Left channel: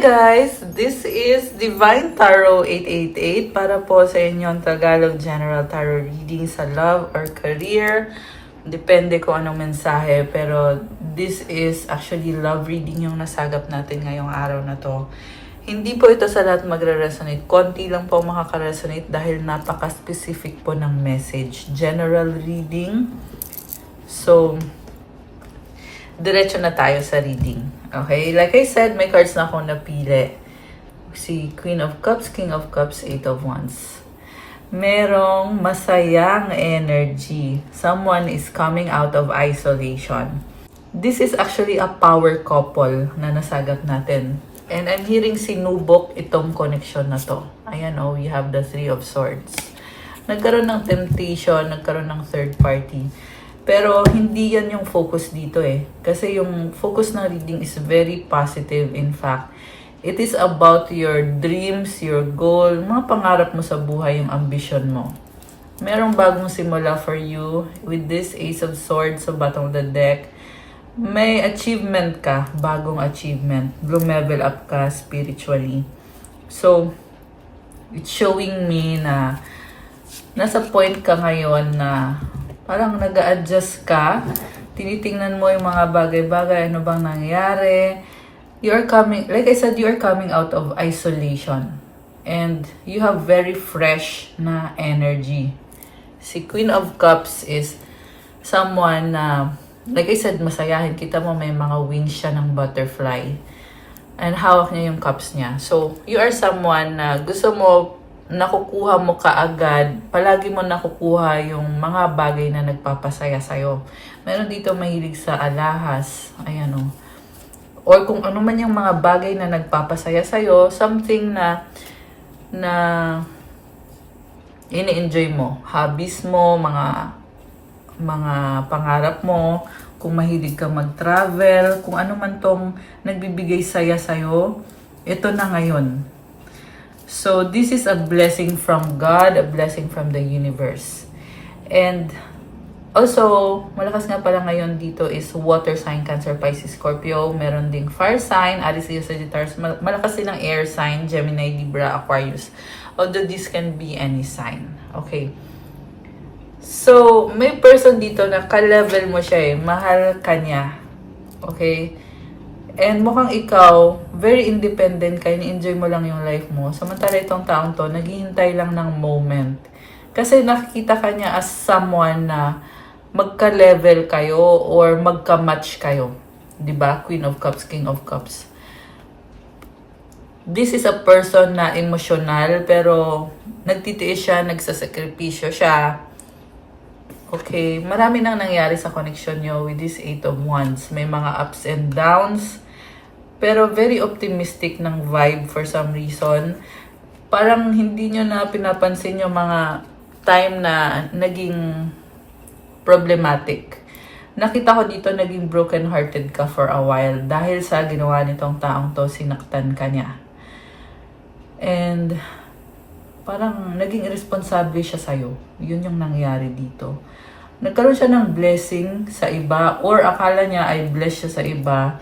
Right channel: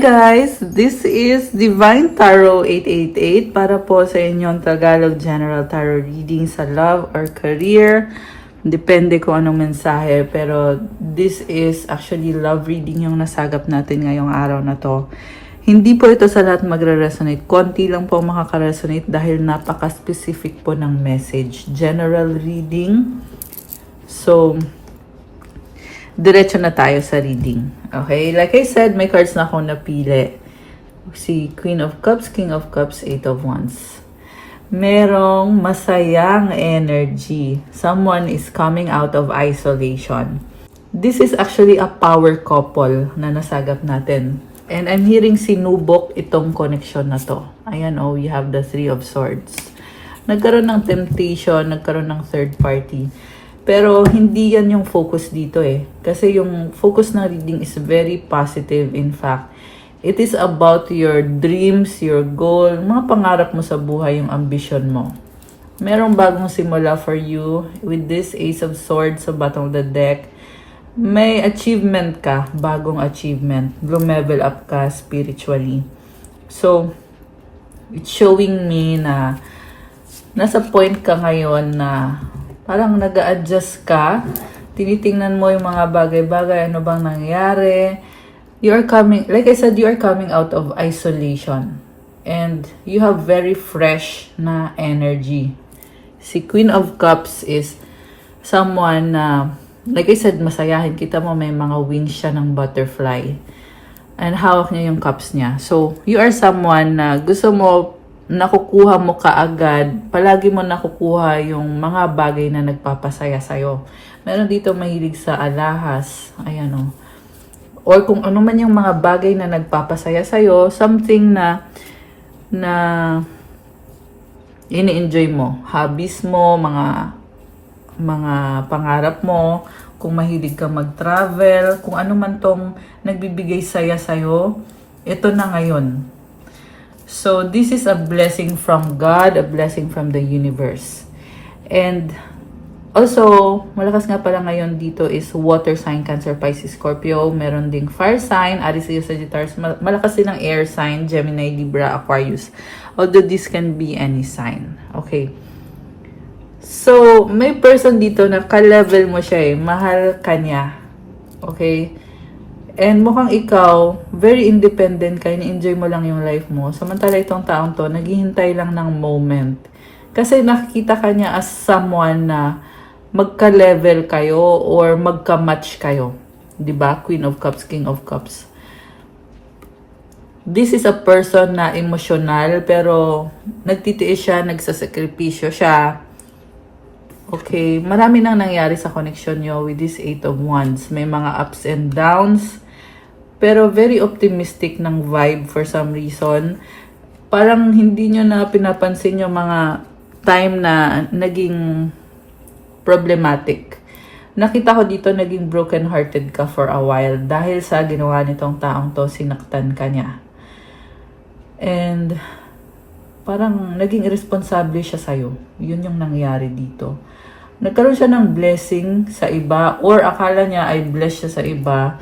guys! This is Divine Tarot 888 para po sa inyong Tagalog General Tarot reading sa love or career. Depende kung anong mensahe, pero this is actually love reading yung nasagap natin ngayong araw na to. Hindi po ito sa lahat magre-resonate. Konti lang po makaka-resonate dahil napaka-specific po ng message. General reading. So, diretso na tayo sa reading. Okay? Like I said, may cards na akong napili. Si Queen of Cups, King of Cups, Eight of Wands. Merong masayang energy. Someone is coming out of isolation. This is actually a power couple na nasagap natin. And I'm hearing sinubok itong connection na to. Ayan, oh, we have the Three of Swords. Nagkaroon ng temptation, nagkaroon ng third party. Pero hindi yan yung focus dito eh. Kasi yung focus ng reading is very positive. In fact, it is about your dreams, your goal, mga pangarap mo sa buhay, yung ambition mo. Merong bagong simula for you with this Ace of Swords sa bottom of the deck. May achievement ka, bagong achievement. Lumevel up ka spiritually. So, it's showing me na nasa point ka ngayon na parang nag-a-adjust ka, tinitingnan mo yung mga bagay-bagay, ano bang nangyari. You're coming, like I said, you are coming out of isolation. And you have very fresh na energy. Si Queen of Cups is someone na, like I said, masayahin. Kita mo may mga wings siya ng butterfly. And hawak niya yung cups niya. So, you are someone na gusto mo nakukuha mo kaagad, palagi mo nakukuha yung mga bagay na nagpapasaya sa'yo. Meron dito mahilig sa alahas, ayan o. Or kung ano man yung mga bagay na nagpapasaya sa'yo, something na ini-enjoy mo. Hobbies mo, mga pangarap mo, kung mahilig ka mag-travel, kung ano man tong nagbibigay saya sa'yo, ito na ngayon. So, this is a blessing from God, a blessing from the universe. And also, malakas nga pala ngayon dito is water sign, Cancer, Pisces, Scorpio. Meron ding fire sign, Aries, Leo, Sagittarius. Malakas din ang air sign, Gemini, Libra, Aquarius. Although this can be any sign. Okay. So, may person dito na ka-level mo siya eh. Mahal ka niya. Okay. And mukhang ikaw, very independent ka, ni-enjoy mo lang yung life mo. Samantala itong taong to, naghihintay lang ng moment. Kasi nakikita ka niya as someone na magka-level kayo or magka-match kayo. Diba? Queen of Cups, King of Cups. This is a person na emotional, pero nagtitiis siya, nagsasakripisyo siya. Okay, marami nang nangyari sa connection nyo with this Eight of Wands. May mga ups and downs. Pero very optimistic ng vibe for some reason. Parang hindi nyo na pinapansin yung mga time na naging problematic. Nakita ko dito naging broken-hearted ka for a while dahil sa ginawa nitong taong to, sinaktan ka niya. And parang naging irresponsible siya sa'yo. Yun yung nangyari dito. Nagkaroon siya ng blessing sa iba or akala niya ay bless siya sa iba.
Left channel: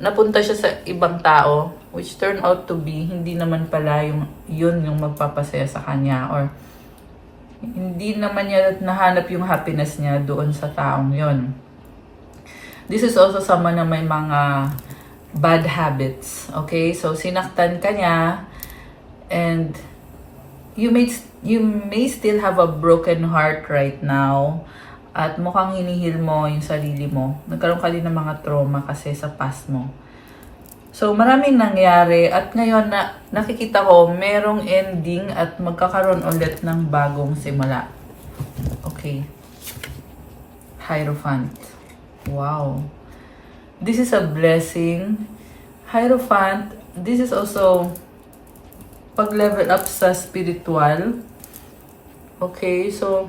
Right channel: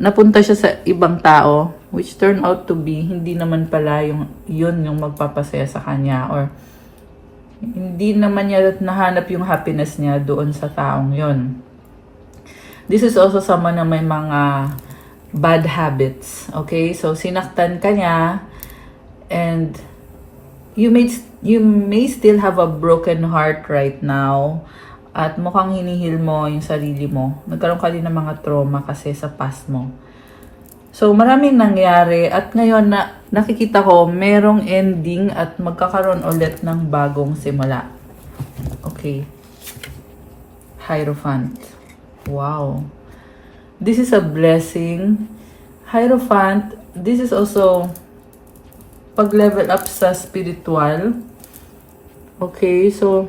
Napunta siya sa ibang tao, which turned out to be, hindi naman pala yun yung magpapasaya sa kanya, or hindi naman niya nahanap yung happiness niya doon sa taong yun. This is also someone na may mga bad habits, okay? So, sinaktan ka niya, and you may still have a broken heart right now. At mukhang hinihil mo yung sarili mo. Nagkaroon ka din ng mga trauma kasi sa past mo. So, maraming nangyari. At ngayon, nakikita ko, merong ending at magkakaroon ulit ng bagong simula. Okay. Hierophant. Wow. This is a blessing. Hierophant, this is also pag-level up sa spiritual. Okay, so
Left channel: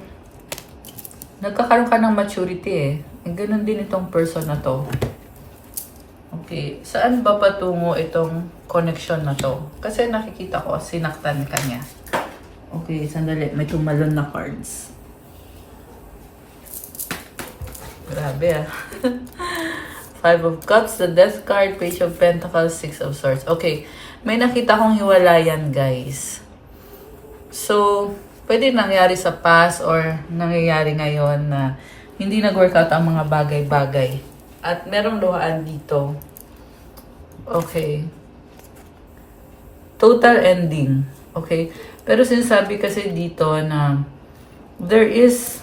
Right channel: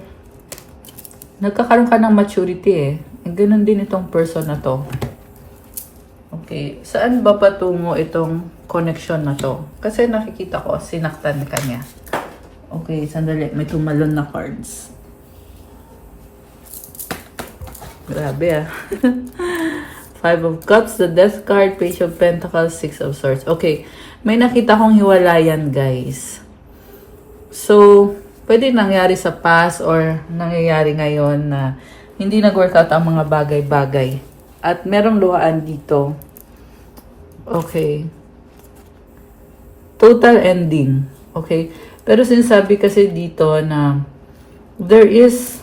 nagkakaroon ka ng maturity eh. Ganun din itong person na to. Okay, saan ba patungo itong connection na to? Kasi nakikita ko, sinaktan ka niya. Okay, sandali. May tumalon na cards. Grabe ah. Five of Cups, the Death card, Page of Pentacles, Six of Swords. Okay, may nakita kong hiwalayan, guys. So, pwede nangyari sa past or nangyayari ngayon na hindi nag-workout ang mga bagay-bagay. At merong luhaan dito. Okay. Total ending. Okay. Pero sinasabi kasi dito na there is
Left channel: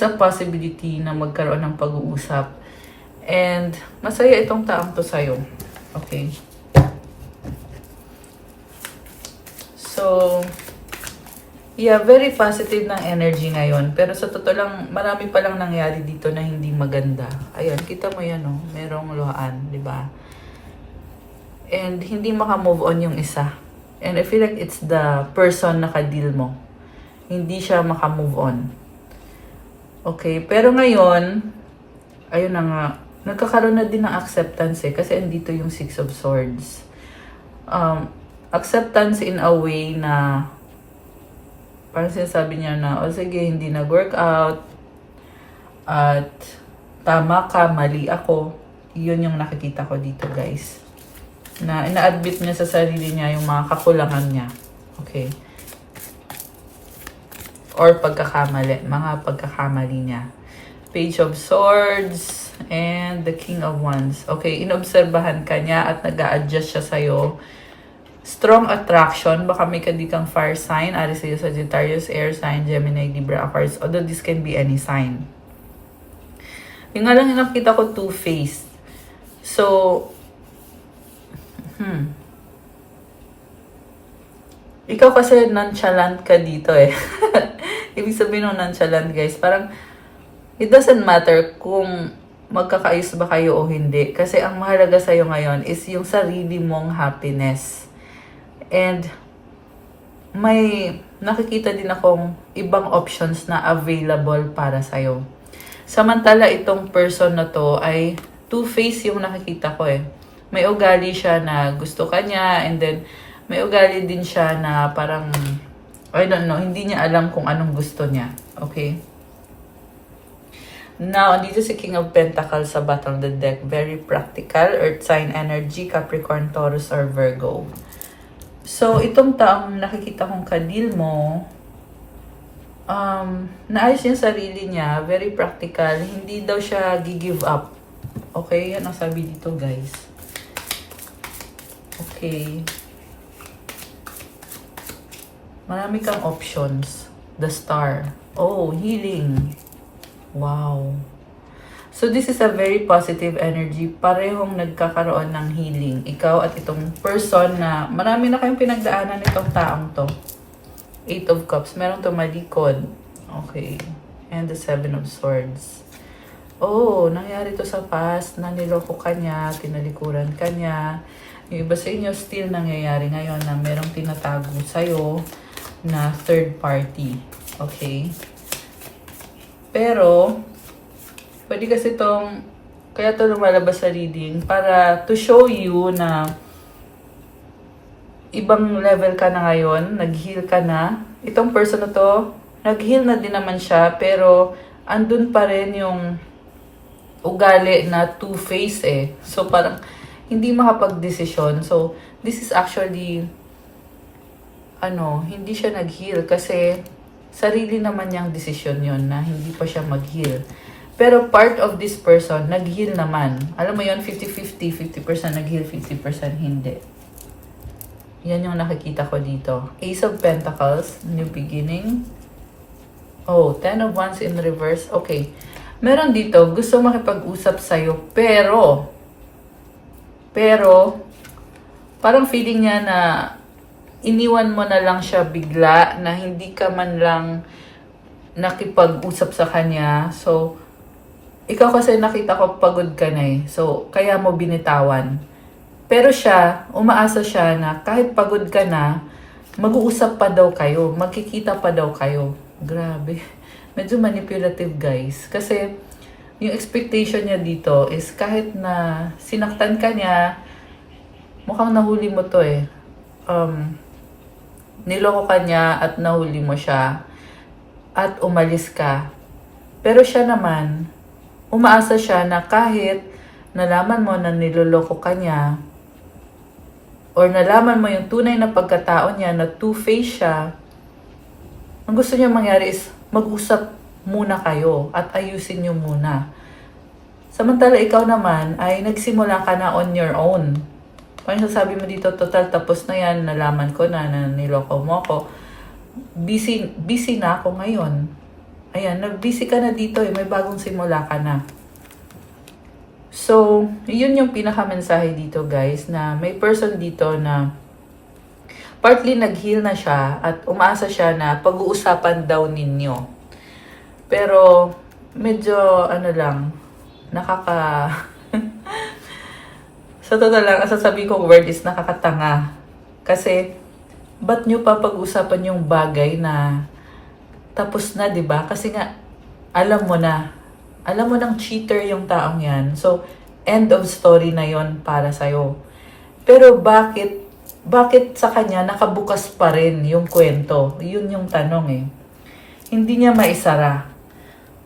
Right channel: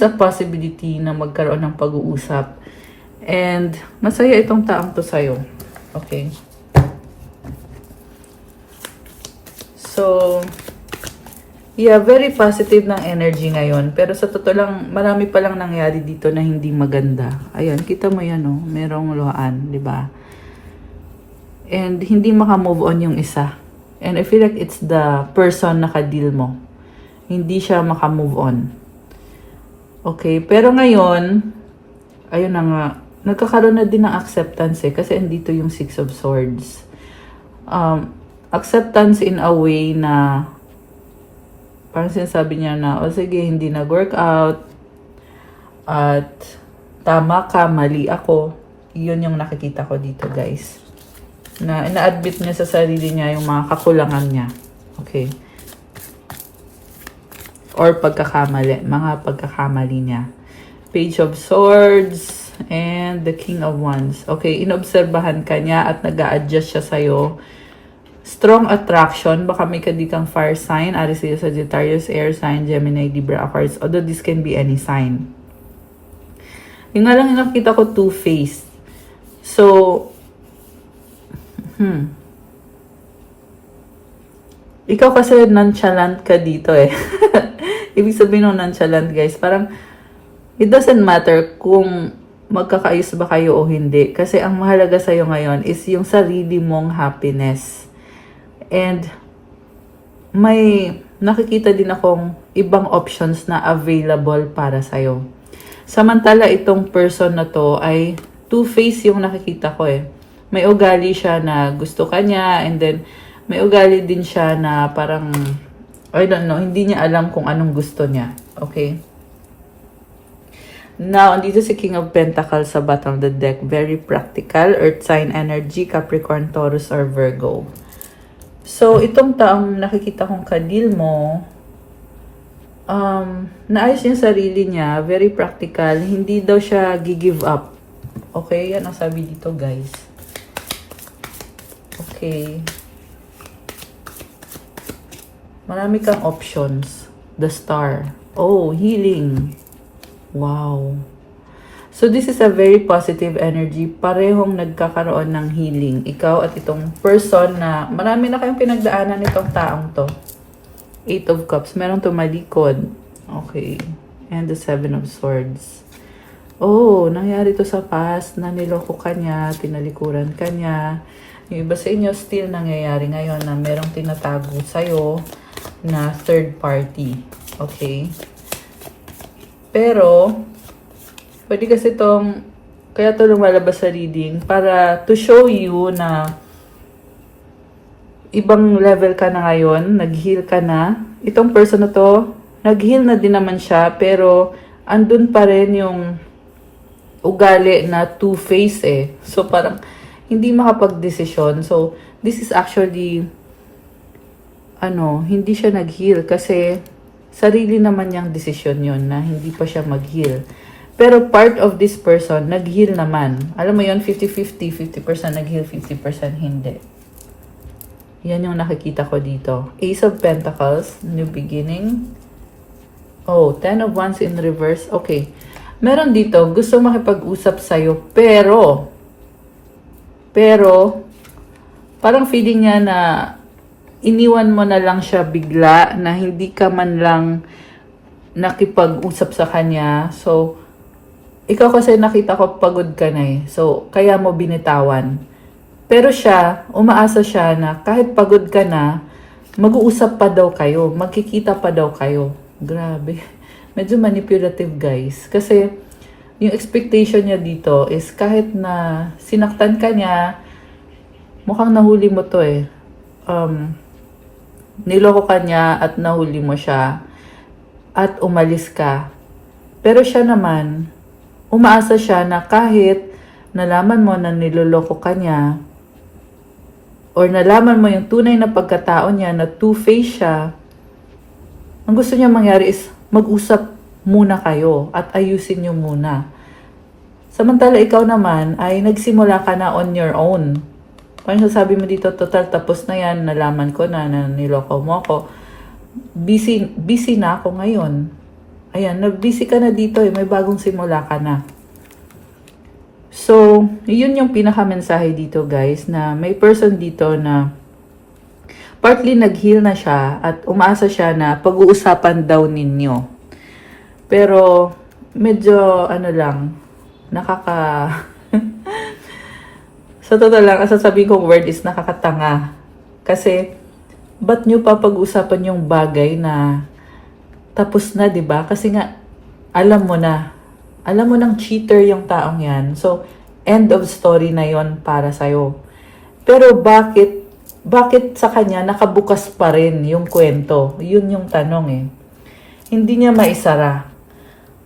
a possibility na magkaroon ng pag-uusap. And masaya itong taong to sa'yo. Okay. So, yeah, very positive ng energy ngayon. Pero sa totoo lang, marami palang nangyari dito na hindi maganda. Ayan, kita mo yan, oh. Merong luhaan, di ba? And hindi maka-move on yung isa. And I feel like it's the person na ka-deal mo. Hindi siya maka-move on. Okay, pero ngayon, ayun na nga, nagkakaroon na din ng acceptance eh. Kasi andito yung Six of Swords. Acceptance in a way na parang sinasabi niya na, o sige, hindi nag-workout at tama ka, mali ako. Yun yung nakikita ko dito, guys. Na ina-admit niya sa sarili niya yung mga kakulangan niya. Okay. Or pagkakamali, mga pagkakamali niya. Page of Swords and the King of Wands. Okay, inobserbahan ka niya at nag-a-adjust siya sa'yo. Strong attraction, baka may kadikang fire sign, Aries, Leo, Sagittarius, air sign, Gemini, Libra, Aquarius, although this can be any sign. Yung nga lang yung nakita ko, two-faced. So, ikaw kasi nonchalant ka dito eh. Ibig sabihin ng nonchalant, guys, parang it doesn't matter kung magkakaayos ba kayo o hindi. Kasi ang mahalaga sa'yo ngayon is yung sarili mong happiness. And may nakikita din akong ibang options na available para sa'yo. Samantala itong person na to ay two-faced yung nakikita ko eh. May ugali siya na gusto ka niya and then may ugali din siya na parang, I don't know, hindi niya alam kung anong gusto niya. Okay? Now, andito si King of Pentacles sa bottom of the deck. Very practical. Earth sign energy, Capricorn, Taurus, or Virgo. So, itong taong nakikita kong kadil mo, naayos niya sarili niya, very practical, hindi daw siya gi-give up. Okay? Yan ang sabi dito, guys. Okay. Marami kang options. The Star. Oh, healing. Wow. So, this is a very positive energy. Parehong nagkakaroon ng healing. Ikaw at itong person na marami na kayong pinagdaanan nitong taong to. Eight of Cups. Meron tumalikod. Okay. And the Seven of Swords. Oh, nangyari to sa past. Naniloko ka niya, tinalikuran ka niya. Yung iba sa inyo still nangyayari ngayon na merong tinatago sa'yo na third party. Okay. Pero, pwede kasi itong, kaya ito lumalabas sa reading, para to show you na ibang level ka na ngayon, nag-heal ka na. Itong person na to, nag-heal na din naman siya, pero andun pa rin yung ugali na two-face eh. So parang, hindi makapag-desisyon. So, this is actually, hindi siya nag-heal kasi sarili naman niyang desisyon yun na hindi pa siya mag-heal. Pero part of this person, nag-heal naman. Alam mo yun, 50-50, 50% nag-heal, 50% hindi. Yan yung nakikita ko dito. Ace of Pentacles, new beginning. Oh, Ten of Wands in reverse. Okay. Meron dito, gusto makipag-usap sa'yo, pero, parang feeling niya na iniwan mo na lang siya bigla, na hindi ka man lang nakipag-usap sa kanya. So, ikaw kasi nakita ko pagod ka na eh. So, kaya mo binitawan. Pero siya, umaasa siya na kahit pagod ka na, mag-uusap pa daw kayo. Magkikita pa daw kayo. Grabe. Medyo manipulative, guys. Kasi, yung expectation niya dito is kahit na sinaktan ka niya, mukhang nahuli mo to eh. Niloko ka niya at nahuli mo siya. At umalis ka. Pero siya naman, umaasa siya na kahit nalaman mo na niloloko ka niya, or nalaman mo yung tunay na pagkatao niya na two-faced siya, ang gusto niya mangyari is mag-usap muna kayo at ayusin niyo muna. Samantala ikaw naman ay nagsimula ka na on your own. Kung sabi mo dito, total tapos na yan, nalaman ko na niloko mo ako. Busy na ako ngayon. Ayan, nag-busy ka na dito, may bagong simula ka na. So, yun yung pinaka-mensahe dito guys, na may person dito na partly nag-heal na siya at umaasa siya na pag-uusapan daw ninyo. Pero, medyo nakaka... Sa totoo lang, ang sasabihin kong word is nakakatanga. Kasi, ba't nyo pa pag-usapan yung bagay na tapos na, di ba? Kasi nga, alam mo nang cheater yung taong yan. So, end of story na yon para sa'yo. Pero bakit sa kanya nakabukas pa rin yung kwento? Yun yung tanong eh. Hindi niya maisara.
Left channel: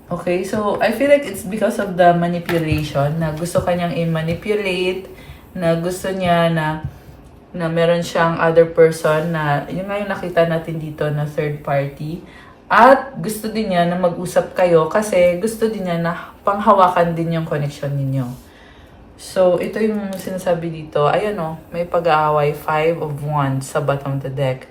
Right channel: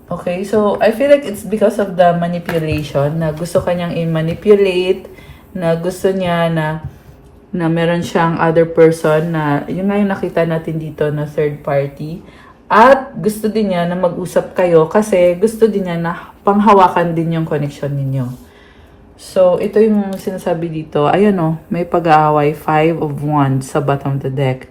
Okay, so I feel like it's because of the manipulation, na gusto kanyang i-manipulate, na gusto niya na meron siyang other person na, yung nga yung nakita natin dito na third party. At gusto din niya na mag-usap kayo kasi gusto din niya na panghawakan din yung connection ninyo. So, ito yung sinasabi dito. Ayun o, may pag-aaway, 5 of Wands sa bottom of the deck.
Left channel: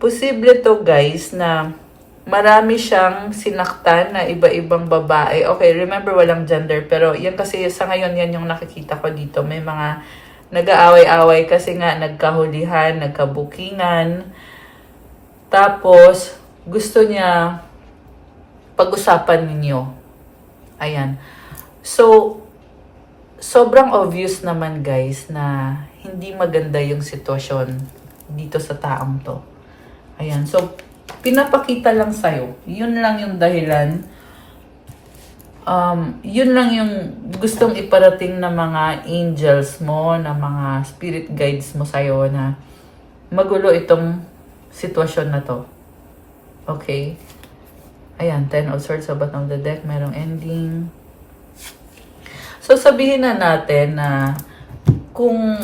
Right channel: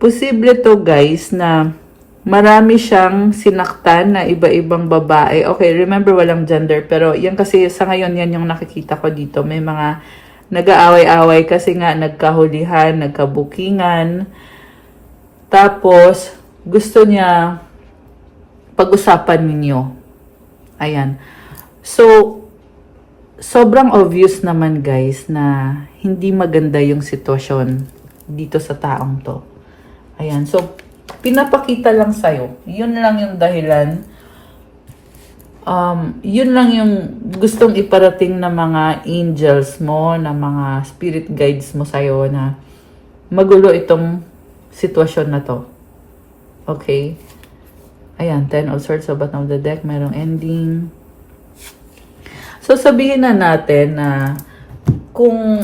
Posible to guys na marami siyang sinaktan na iba-ibang babae. Okay, remember walang gender, pero yan kasi sa ngayon yan yung nakikita ko dito. May mga nag-aaway-aaway kasi nga nagkahulihan, nagkabukingan. Tapos, gusto niya pag-usapan ninyo. Ayan. So, sobrang obvious naman guys na hindi maganda yung sitwasyon dito sa taong to. Ayan. So, pinapakita lang sa'yo. Yun lang yung dahilan. Yun lang yung gustong iparating ng mga angels mo, ng mga spirit guides mo sa'yo na magulo itong sitwasyon na to. Okay. Ayan, 10 of Swords sa bottom of the deck. Merong ending. So, sabihin na natin na kung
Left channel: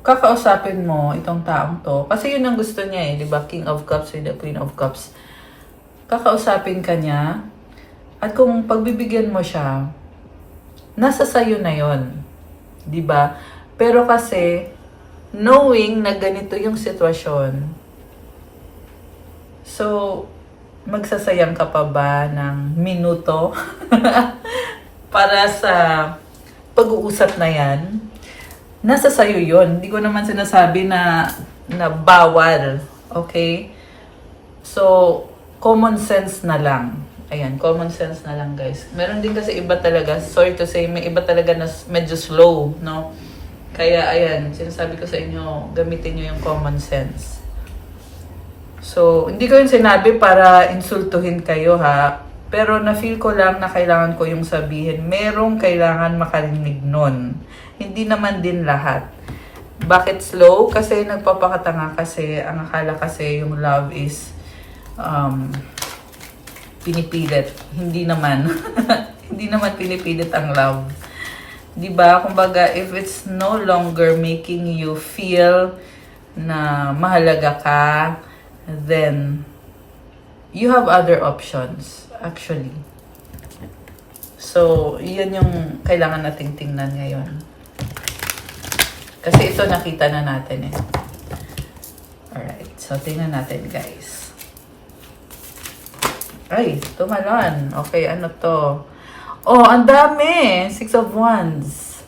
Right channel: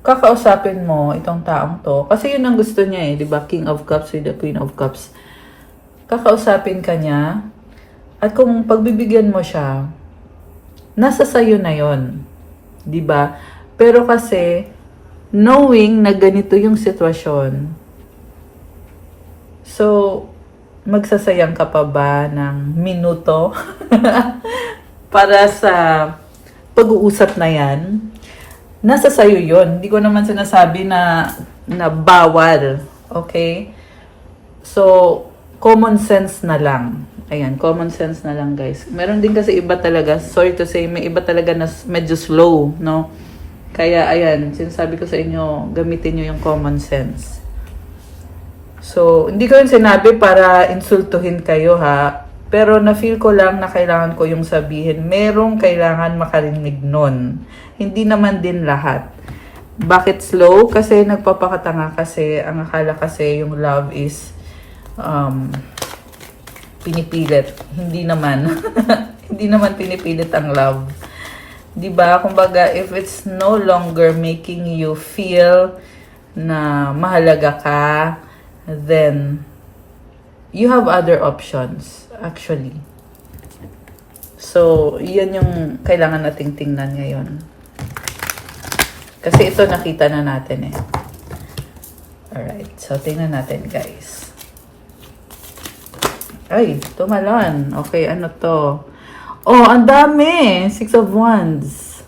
kakausapin mo itong taong to, kasi yun ang gusto niya eh, di ba? King of Cups with the Queen of Cups. Kakausapin ka niya, at kung pagbibigyan mo siya, nasa sayo na yon, di ba? Pero kasi, knowing na ganito yung sitwasyon, so, magsasayang ka pa ba ng minuto para sa pag-uusap na yan? Nasa sayo yun. Hindi ko naman sinasabi na bawal. Okay? So, common sense na lang. Ayan, common sense na lang guys. Meron din kasi iba talaga, sorry to say, may iba talaga na medyo slow, no? Kaya ayan, sinasabi ko sa inyo, gamitin nyo yung common sense. So, hindi ko yung sinabi para insultuhin kayo ha. Pero na-feel ko lang na kailangan ko yung sabihin. Merong kailangan makarinig nun. Hindi naman din lahat. Bakit slow? Kasi nagpapakatanga kasi. Ang akala kasi yung love is pinipilit. Hindi naman. Hindi naman pinipilit ang love. Diba? Kumbaga, if it's no longer making you feel na mahalaga ka, then you have other options actually. So, yan yung kailangan nating tingnan ngayon. Kasi ito nakita na natin eh. Alright, so tingnan natin guys. Ay, tumalon. Okay, ano to? Oh, ang dami! 6 of Wands.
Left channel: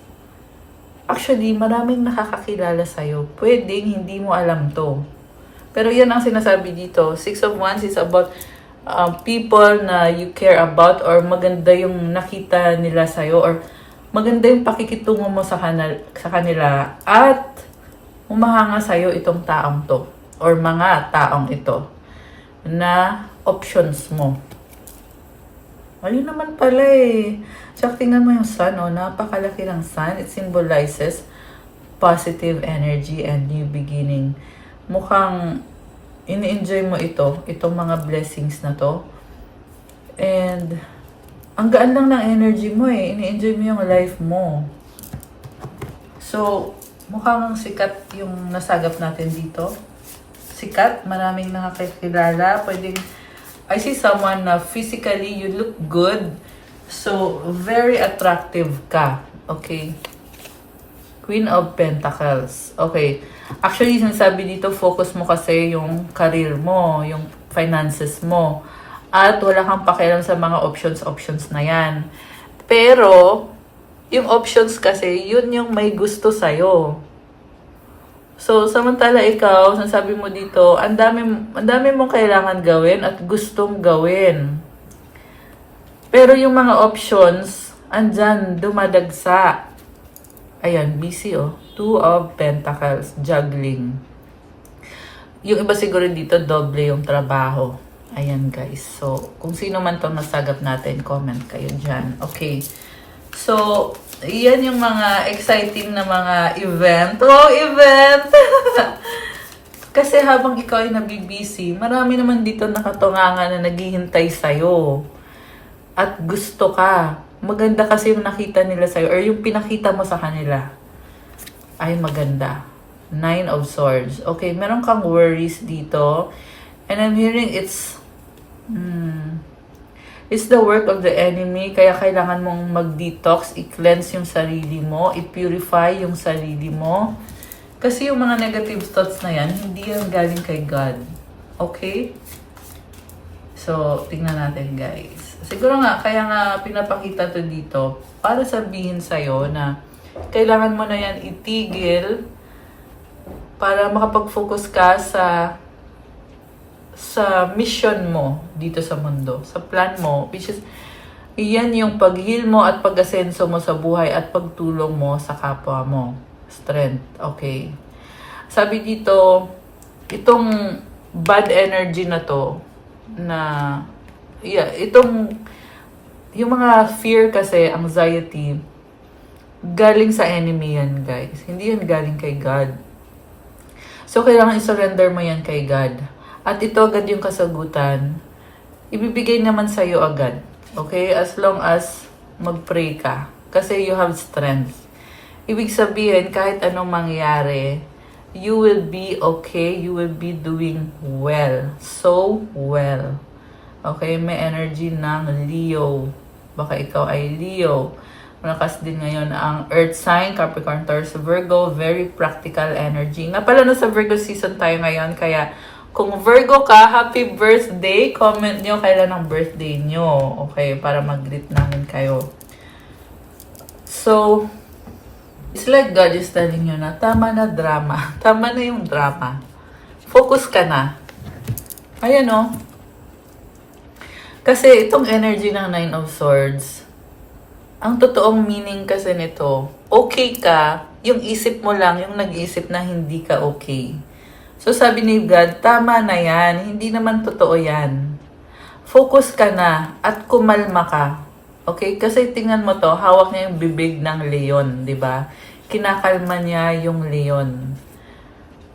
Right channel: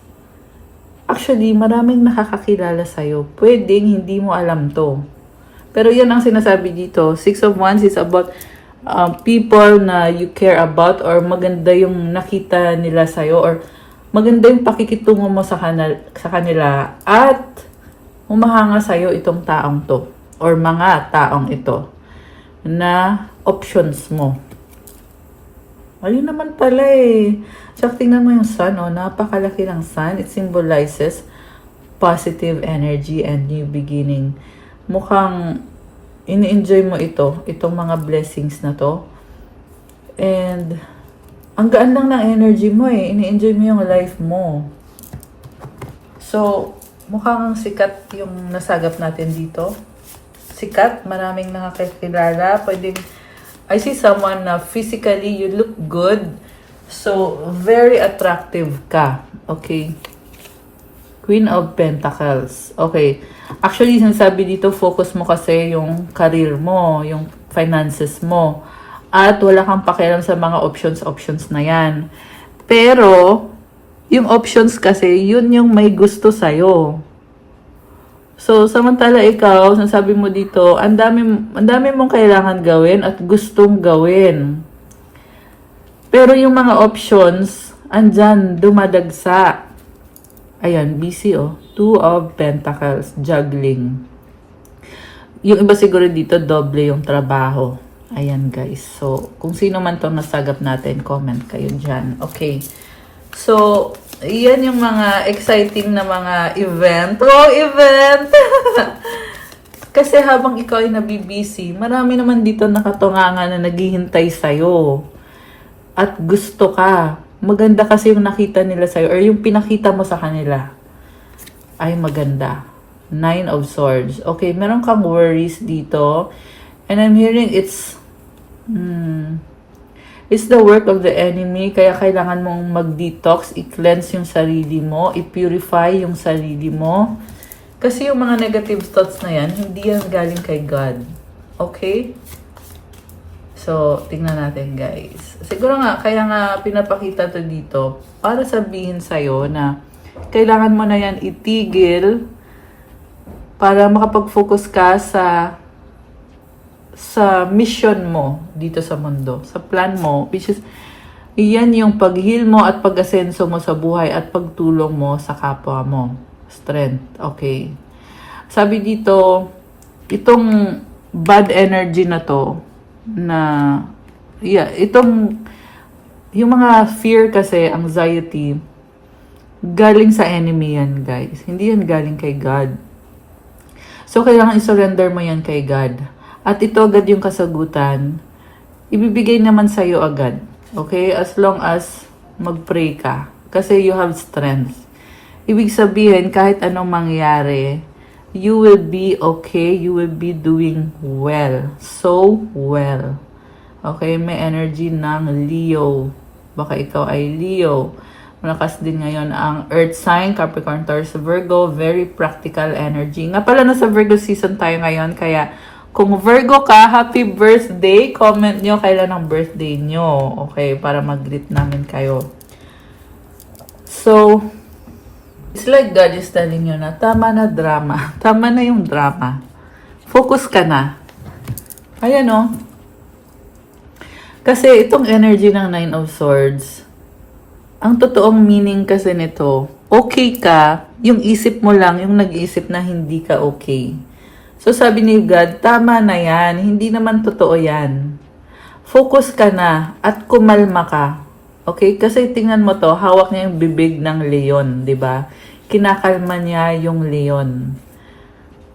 Actually, maraming nakakakilala sa'yo. Pwedeng hindi mo alam to. Pero yan ang sinasabi dito. 6 of Wands is about people na you care about, or maganda yung nakita nila sa'yo, or maganda yung pakikitungo mo sa kanila, at humahanga sa'yo itong taong to, or mga taong ito, na options mo. Ayun naman pala eh. Tsaka tingnan mo yung sun, oh, napakalaki ng sun. It symbolizes positive energy and new beginning. Mukhang ini-enjoy mo itong mga blessings na to. And ang gaan lang ng energy mo eh. Ini-enjoy mo yung life mo. So, mukhang sikat yung nasagap natin dito. Sikat, maraming nakakilala. Pwedeng, I see someone na physically you look good. So, very attractive ka. Okay. Queen of Pentacles. Okay. Actually, sinasabi dito, focus mo kasi yung career mo, yung finances mo. At wala kang pakialam sa mga options na yan. Pero, yung options kasi, yun yung may gusto sa'yo. So, samantala ikaw, sinasabi mo dito, ang dami mong kailangan gawin at gustong gawin. Pero yung mga options, andyan, dumadagsa. Ayan, busy oh. Two of Pentacles, juggling. Yung iba siguro dito, doble yung trabaho. Ayan guys. So, kung sino man itong nasagap natin, comment kayo dyan. Okay. So, yan yung mga exciting na mga event. Wow, event! Kasi habang ikaw ay nabibisi, marami naman dito nakatungangan na naghihintay sa'yo. At gusto ka. Maganda kasi yung nakita nila sa'yo or yung pinakita mo sa kanila. Ay maganda. Nine of Swords. Okay, meron kang worries dito. And I'm hearing it's the work of the enemy. Kaya kailangan mong mag-detox, i-cleanse yung sarili mo, i-purify yung sarili mo. Kasi yung mga negative thoughts na yan, hindi yan galing kay God. Okay? So, tingnan natin guys. Siguro nga, kaya nga pinapakita to dito para sabihin sa'yo na kailangan mo na yan itigil para makapag-focus ka sa mission mo dito sa mundo, sa plan mo, which is iyan yung pag-heal mo at pag-asenso mo sa buhay at pagtulong mo sa kapwa mo. Strength. Okay. Sabi dito, itong bad energy na to, yung mga fear kasi, anxiety, galing sa enemy yan, guys. Hindi yan galing kay God. So, kailangan i-surrender mo yan kay God. At ito agad yung kasagutan. Ibibigay naman sa'yo agad. Okay? As long as mag-pray ka. Kasi you have strength. Ibig sabihin, kahit anong mangyari, you will be okay. You will be doing well. So well. Okay? May energy ng Leo. Baka ikaw ay Leo. Malakas din ngayon ang Earth sign, Capricorn, Taurus, Virgo. Very practical energy. Nga pala, nasa Virgo season tayo ngayon. Kaya, kung Virgo ka, happy birthday. Comment nyo kailan ang birthday nyo. Okay, para mag-greet namin kayo. So, it's like God is telling you na tama na drama. Tama na yung drama. Focus ka na. Ayan o. Kasi itong energy ng Nine of Swords, ang totoong meaning kasi nito, okay ka, yung isip mo lang, yung nag-iisip na hindi ka okay. So sabi ni God, tama na yan, hindi naman totoo yan. Focus ka na at kumalma ka. Okay? Kasi tingnan mo to, hawak niya yung bibig ng leon, di ba? Kinakalma niya yung leon.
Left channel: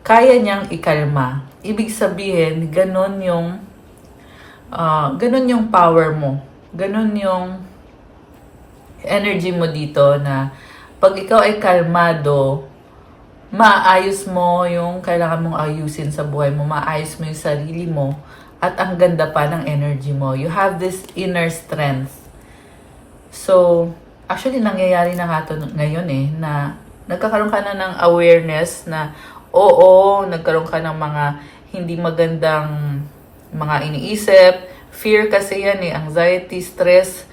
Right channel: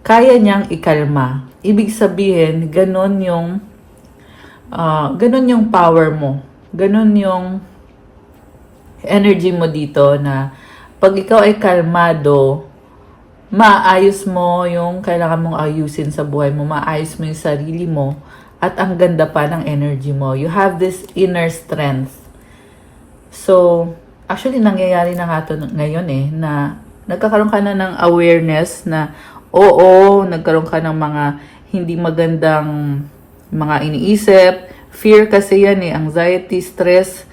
Kaya niyang ikalma. Ibig sabihin, ganun yung power mo. Ganun yung energy mo dito na pag ikaw ay kalmado, maayos mo yung kailangan mong ayusin sa buhay mo, maayos mo yung sarili mo, at ang ganda pa ng energy mo. You have this inner strength. So, actually, nangyayari na nga ito ngayon na nagkakaroon ka na ng awareness na oo, nagkaroon ka ng mga hindi magandang mga iniisip. Fear kasi yan anxiety, stress,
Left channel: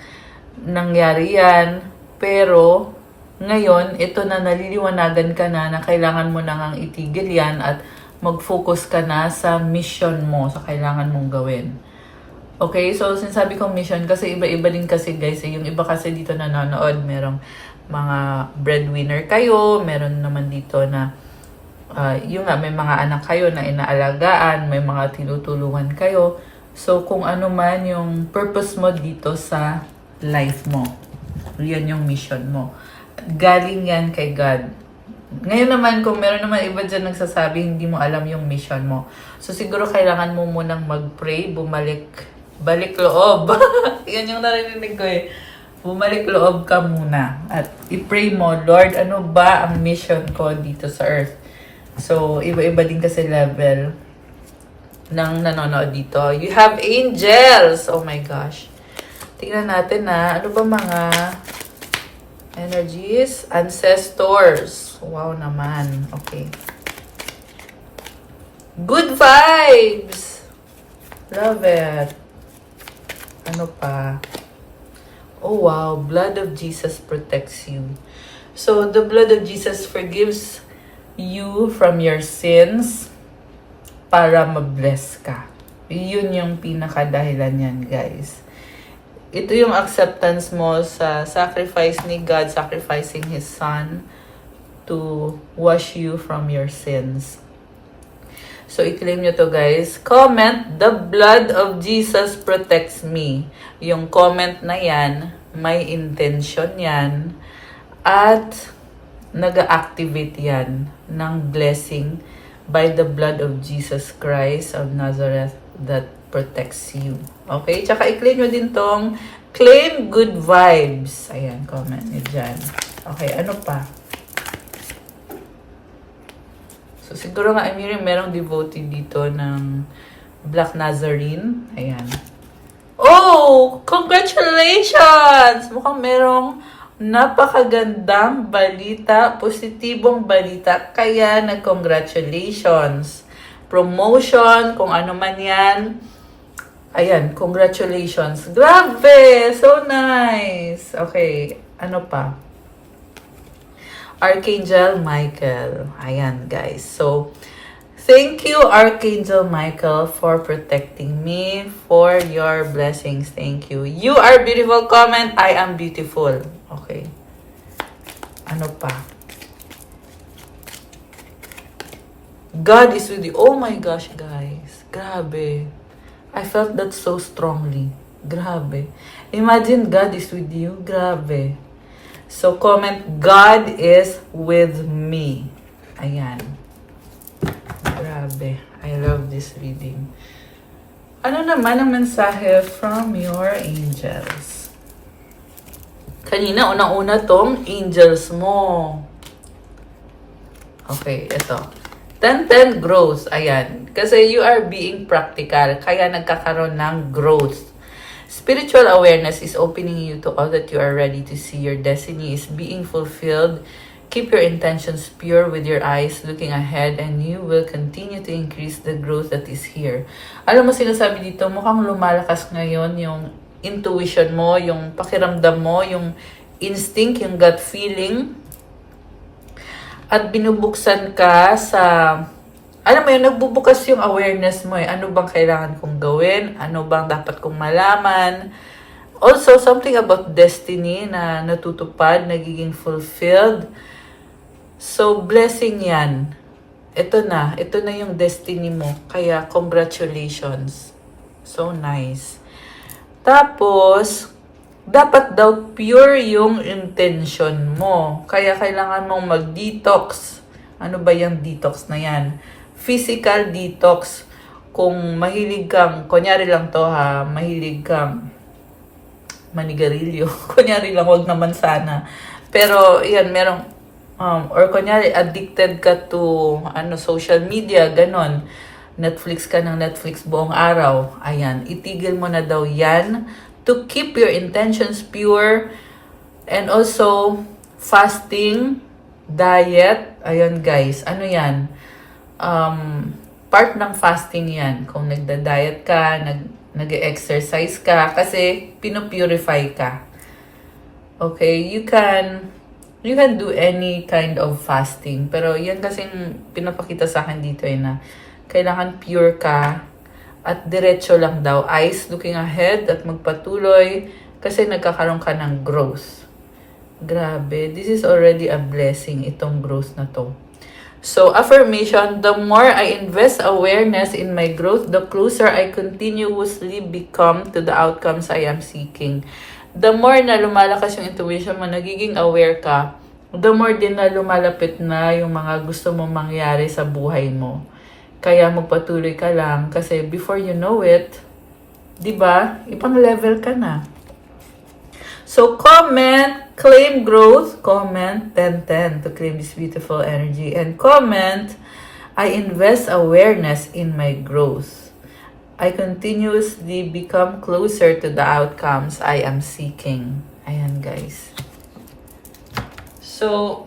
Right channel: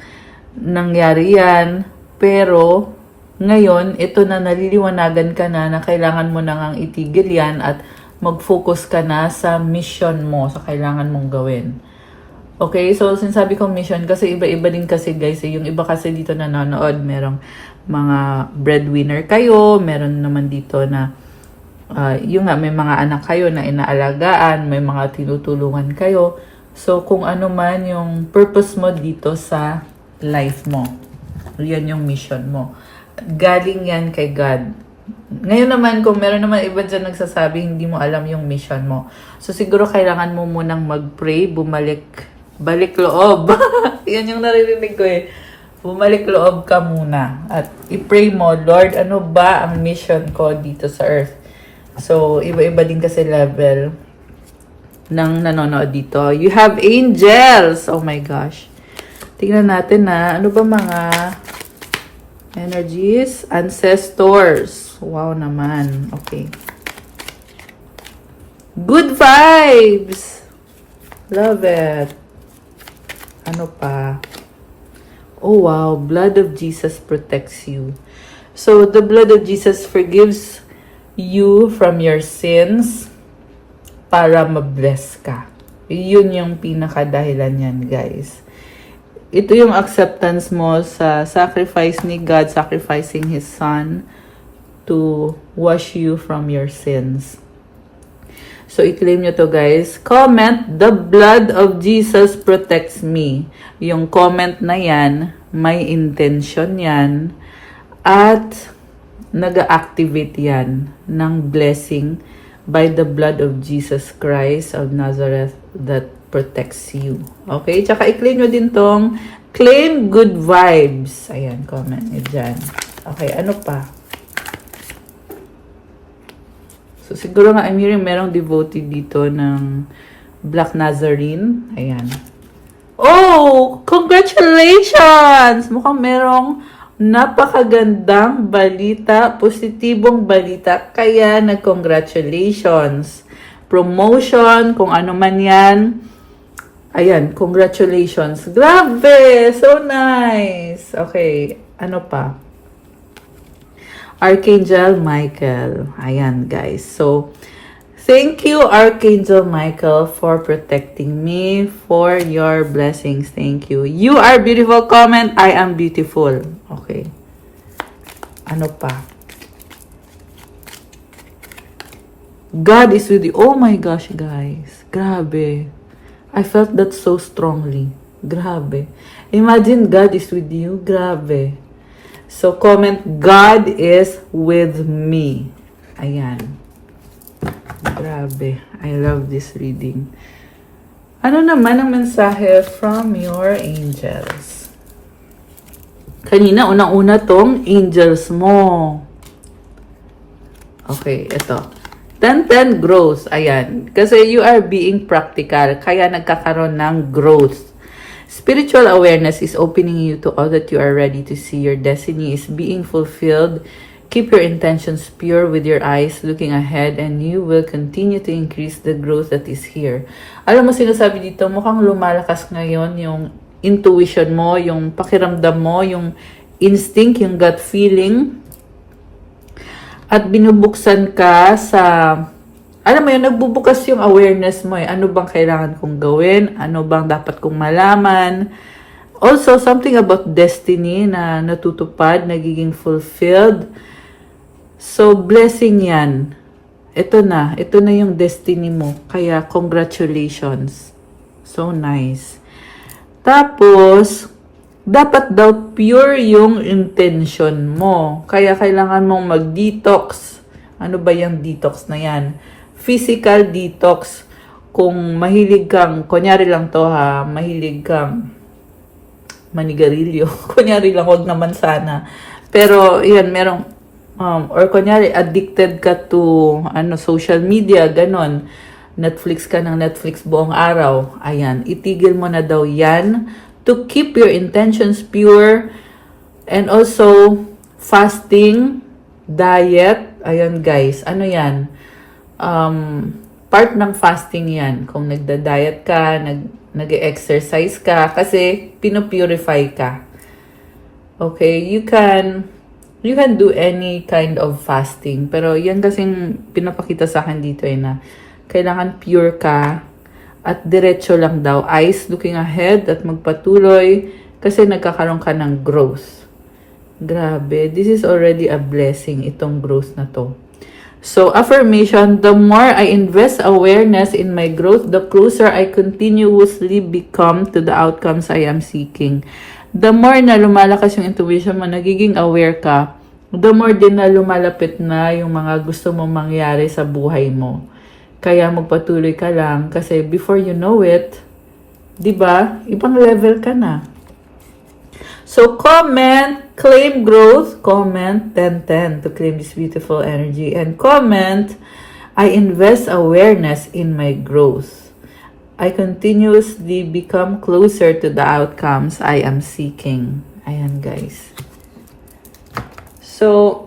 nangyari yan. Pero, ngayon, ito na naliliwanagan ka na kailangan mo na ngang itigil yan at mag-focus ka na sa mission mo, sa kailangan mong gawin. Okay, so sinasabi kong mission kasi iba-iba din kasi guys. Yung iba kasi dito nanonood, merong mga breadwinner kayo, meron naman dito na yung nga, may mga anak kayo na inaalagaan, may mga tinutulungan kayo. So, kung ano man yung purpose mo dito sa life mo, yan yung mission mo. Galing yan kay God. Ngayon naman, kung meron naman iba dyan nagsasabi, hindi mo alam yung mission mo. So, siguro kailangan mo munang mag-pray, balik loob. Yan yung naririnig ko bumalik loob ka muna at i-pray mo, Lord, ano ba ang mission ko dito sa earth? So, iba-iba din kasi level ng nanonood dito. You have angels! Oh my gosh. Tingnan natin na, ano ba mga energies? Ancestors. Wow naman. Okay. Good vibes! Love it. Ano pa? Oh wow, blood of Jesus protects you. So, the blood of Jesus forgives you from your sins para ma-bless ka. Yun yung pinakadahilan yan, guys. Ito yung acceptance mo sa sacrifice ni God, sacrificing His Son to wash you from your sins. So, i-claim nyo to, guys. Comment, the blood of Jesus protects me. Yung comment na yan, may intention yan, at nag-activate yan ng blessing by the blood of Jesus Christ of Nazareth that protects you. Okay? Tsaka i-claim nyo din tong claim good vibes. Ayan, comment nyo dyan. Okay, ano pa? So, siguro nga, I'm hearing merong devotee dito ng Black Nazarene. Ayan. Oh! Congratulations! Mukhang merong napakagandang balita, positibong balita. Kaya, nag-congratulations. Promotion, kung ano man yan. Ayan, congratulations. Grabe! So nice! Okay, ano pa? Archangel Michael. Ayan, guys. So, thank you, Archangel Michael, for protecting me, for your blessings. Thank you. You are beautiful. Comment, I am beautiful. Okay. Ano pa? God is with you. Oh my gosh, guys. Grabe. I felt that so strongly. Grabe. Imagine God is with you. Grabe. So, comment, God is with me. Ayan. Grabe. I love this reading. Ano naman ang mensahe from your angels? Kanina, una-una tong angels mo. Okay, ito. 10-10 growth. Ayan. Kasi you are being practical. Kaya nagkakaroon ng growth. Spiritual awareness is opening you to all that you are ready to see. Your destiny is being fulfilled. Keep your intentions pure with your eyes looking ahead, and you will continue to increase the growth that is here. Alam mo, sinasabi dito, mukhang lumalakas ngayon yung intuition mo, yung pakiramdam mo, yung instinct, yung gut feeling. At binubuksan ka sa... Alam mo yun, nagbubukas yung awareness mo eh. Ano bang kailangan kong gawin? Ano bang dapat kong malaman? Also, something about destiny na natutupad, nagiging fulfilled. So, blessing yan. Ito na yung destiny mo. Kaya, congratulations. So nice. Tapos, dapat daw pure yung intention mo. Kaya, kailangan mong mag-detox. Ano ba yung detox na yan? Physical detox. Kung mahilig kang, kunyari lang to ha, mahilig kang manigarilyo. Kunyari lang, wag naman sana. Pero, yan, merong, or kunyari, addicted ka to, social media, ganon. Netflix ka ng Netflix buong araw. Ayan, itigil mo na daw yan to keep your intentions pure. And also, fasting, diet. Ayan, guys, ano yan? Part ng fasting yan. Kung nagda-diet ka, nag-exercise ka, kasi pinupurify ka. Okay, you can do any kind of fasting. Pero yan kasing pinapakita sa akin dito eh na kailangan pure ka at diretso lang daw. Eyes looking ahead at magpatuloy kasi nagkakaroon ka ng growth. Grabe, this is already a blessing, itong growth na to. So, affirmation, the more I invest awareness in my growth, the closer I continuously become to the outcomes I am seeking. The more na lumalakas yung intuition mo, nagiging aware ka, the more din na lumalapit na yung mga gusto mong mangyari sa buhay mo. Kaya magpatuloy ka lang kasi before you know it, 'di ba? Ibang level ka na. So comment, claim growth, comment 10-10 to claim this beautiful energy, and comment, I invest awareness in my growth. I continuously become closer to the outcomes I am seeking. Ayan guys. So,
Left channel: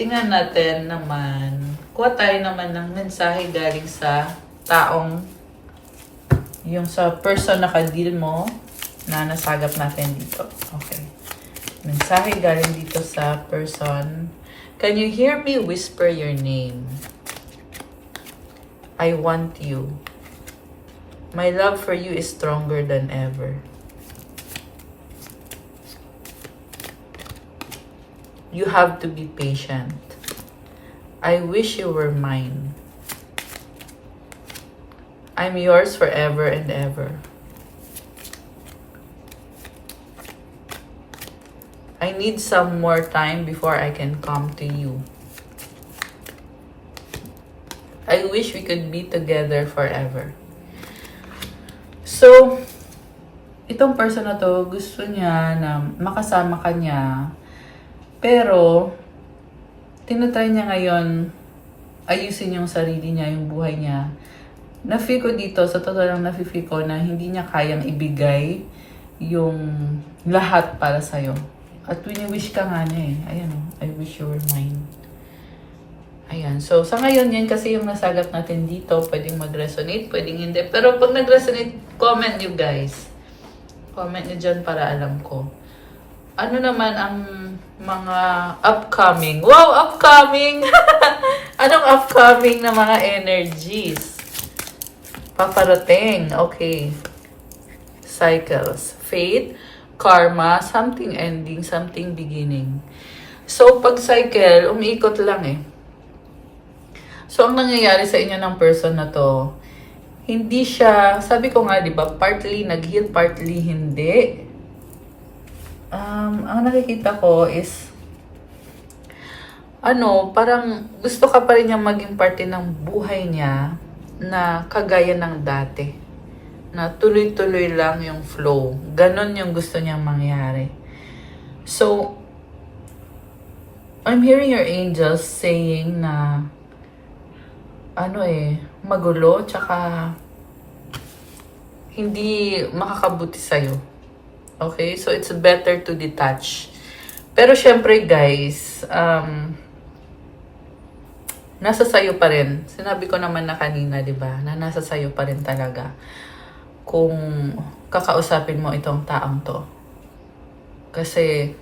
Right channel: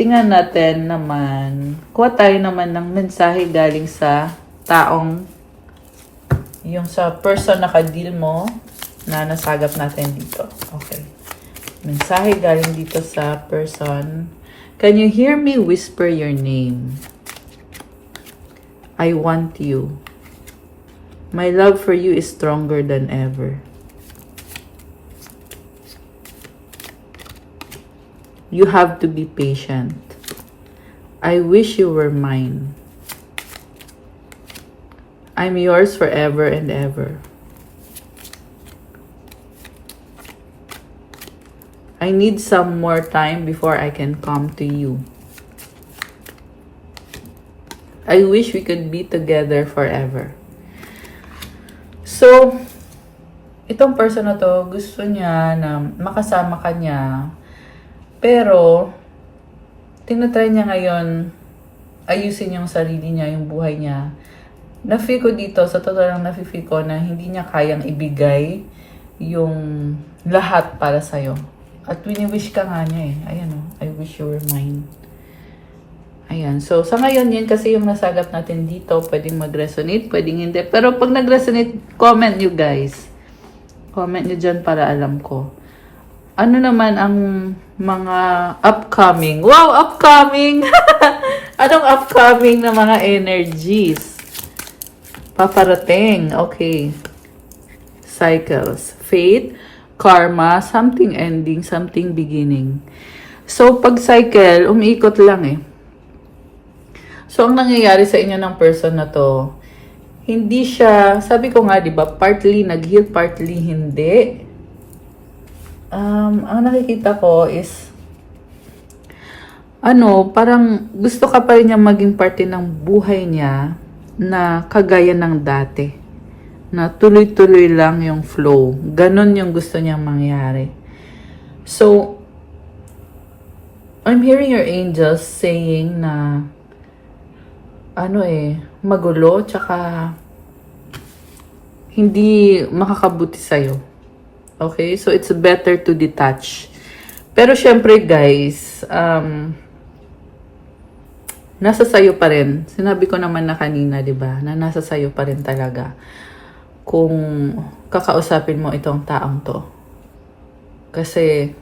tingnan natin naman, kuha tayo naman ng mensahe galing sa taong, yung sa person na ka-deal mo, na nasagap natin dito. Okay. Mensahe galing dito sa person. Can you hear me whisper your name? I want you. My love for you is stronger than ever. You have to be patient. I wish you were mine. I'm yours forever and ever. I need some more time before I can come to you. I wish we could be together forever. So, itong person na to, gusto niya na makasama ka niya. Pero, tinatry niya ngayon ayusin yung sarili niya, yung buhay niya. Na-feel ko dito, sa totoo lang na-feel ko na hindi niya kayang ibigay yung lahat para sa'yo. At wini-wish ka nga niya eh. Ayan, I wish you were mine. Ayan. So, sa ngayon, yun kasi yung nasagap natin dito. Pwedeng mag-resonate, pwedeng hindi. Pero pag nag-resonate, comment nyo guys. Comment nyo dyan para alam ko. Ano naman ang mga upcoming? Wow, upcoming! Anong upcoming na mga energies? Paparating. Okay. Cycles. Fate, karma, something ending, something beginning. So, pag cycle, umiikot lang eh. So, ang nangyayari sa inyo ng person na to, hindi siya, sabi ko nga, di ba, partly nag-heal, partly hindi. Ang nakikita ko is, parang gusto ka pa rin niya maging parte ng buhay niya na kagaya ng dati. Na tuloy-tuloy lang yung flow. Ganon yung gusto niyang mangyari. So, I'm hearing your angels saying na magulo, tsaka hindi makakabuti sa'yo. Okay? So, it's better to detach. Pero syempre guys, nasa sayo pa rin. Sinabi ko naman na kanina, di ba? Na nasa sayo pa rin talaga. Kung kakausapin mo itong taong to. Kasi,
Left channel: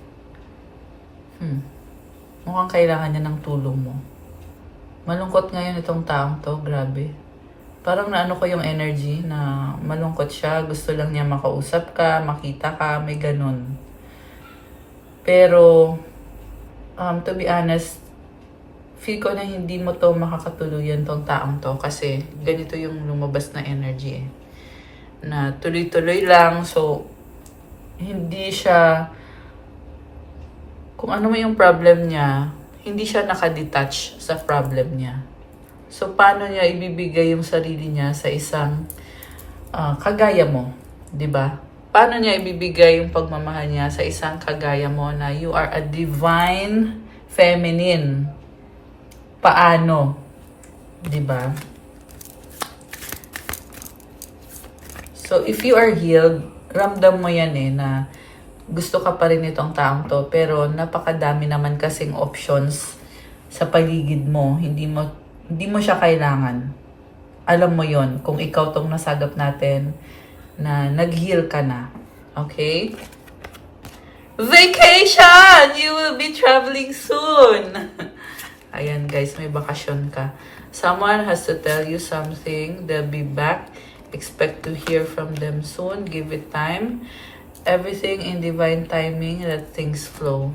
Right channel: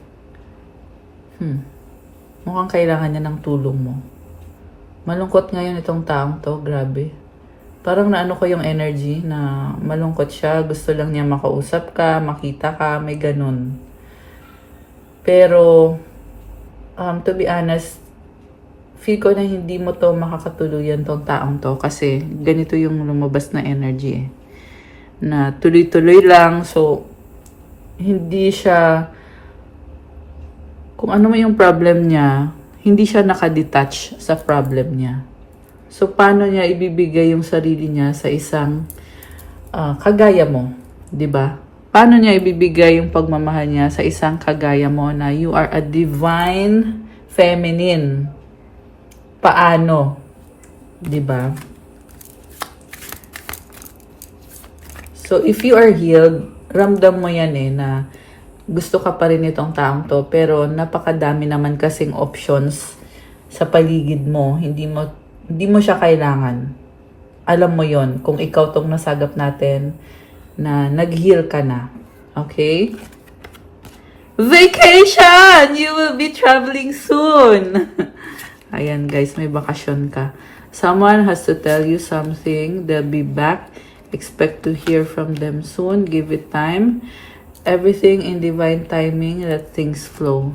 mukhang kailangan niya ng tulong mo. Malungkot ngayon itong taong to, grabe. Parang naano ko yung energy na malungkot siya, gusto lang niya makausap ka, makita ka, may ganun. Pero, to be honest, feel ko na hindi mo to makakatuluyan tong taong to kasi ganito yung lumabas na energy eh. Na tuloy-tuloy lang, so, hindi siya, kung ano mo yung problem niya, hindi siya nakadetach sa problem niya. So, paano niya ibibigay yung sarili niya sa isang kagaya mo? 'Di ba? Paano niya ibibigay yung pagmamahal niya sa isang kagaya mo na you are a divine feminine? Paano? 'Di ba? So, if you are healed, ramdam mo yan eh na gusto ka pa rin itong taong to, pero napakadami naman kasing options sa paligid mo. Hindi mo siya kailangan. Alam mo yon kung ikaw tong nasagap natin na nag-heal ka na. Okay? Vacation! You will be traveling soon! Ayan guys, may bakasyon ka. Someone has to tell you something. They'll be back. Expect to hear from them soon. Give it time. Everything in divine timing, let things flow.